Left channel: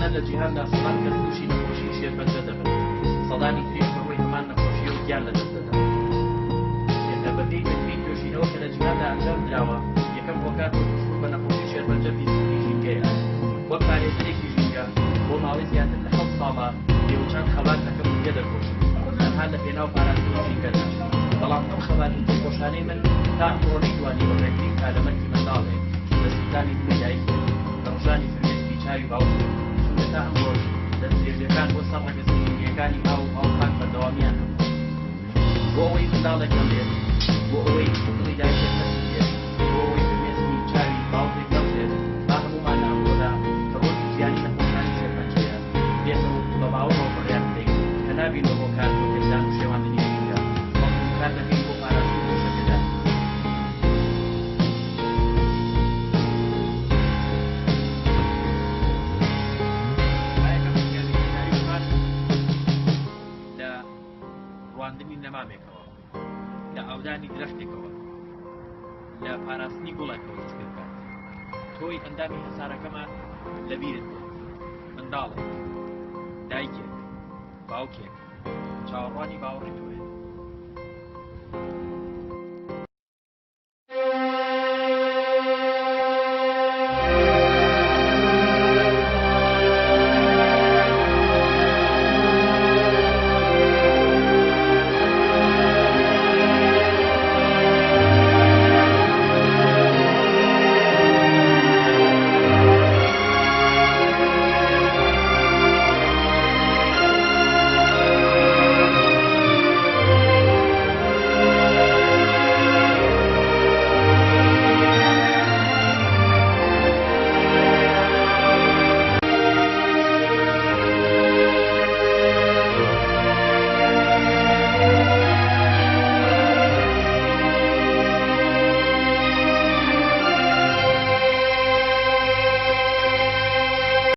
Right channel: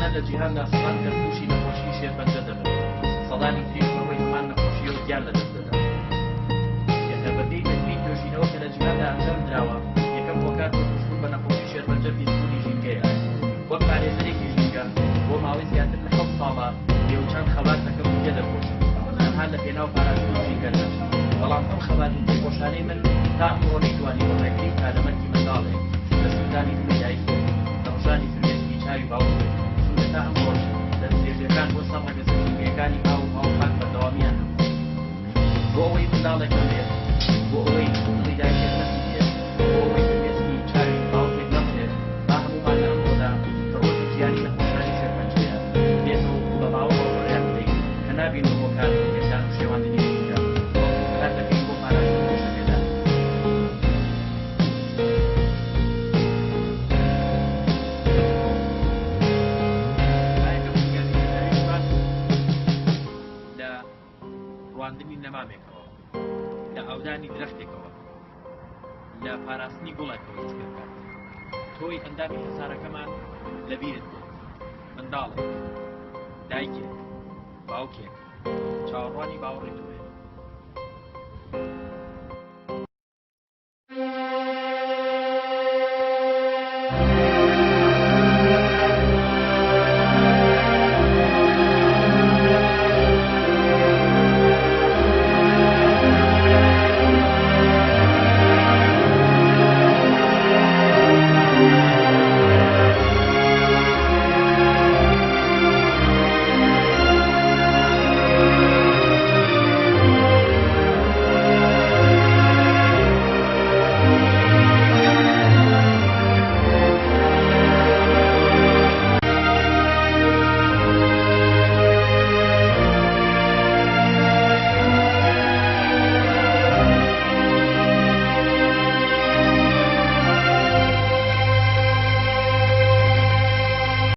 ئەوانە لە جیهاندا سەدان کەس تووشی نەخۆشی شێرپەنجە دەبن سەدانی تریشەوەی هەمان نەخۆشیەوە گیان لە دەست دەدەن بەپێی بەترین توێژینەوە کە لە جیهاندا ئەنجام دراوە یەکەم هۆکار بۆ تووشبوون بە نەخۆشی شێرپەنجە پیسبوونی ژینگەیە وەک پارێزەرێکی ژینگە بۆ ماوەی زیاتر لە 7 ساڵە لێوچەند خەبات دەکەم و پێ دەخۆشم تەنها لە پێناو پاراستنی ژینگەدا بەڵام ئەم خەبات و پێخۆشانەی من تا ئەمڕۆ نەیتوانی وەڕێگرین کارەمەندی منداڵێک لە سوودانی دڵی دایکێ لە ڕژانی فرمێسکی چاوی باوکێ چونکە تا ئەمڕۆژ لە درێژەکان بۆ سەر ڕەگەزە ژینگەکانی ئاو هاوخان بەردەوامیان هەبوو بۆ ئەوەی منداڵێک نەبێت بۆ ئەوەی دڵی دایکێک نەسوودێت بۆ ئەوەی فرمێسکی چاوی باوکێک نەبێت با هەمومان لە ئەمڕۆدا کە ڕۆژی گیانی نەخۆشانی شێرپەنجەیە بێتەوە بە باوەڕەوە بەڕێیان بدەین کە نابینەوە هۆکار بۆ پێدان و شێواندنی ژینگە بەڵکو کار دەکەین بۆ پاراستنی گۆشەپێدان ڕواندنی نەمامێکەوە لە ئاودانی درەختێکەوە لە پاراستنی گوڵێکەوە دەستکرد تۆی ئەندامی هەسارەکەمان لەبیرت بێت منداڵێک دایکێک باوکێک چاوەڕوانی باوەڕی تۆیە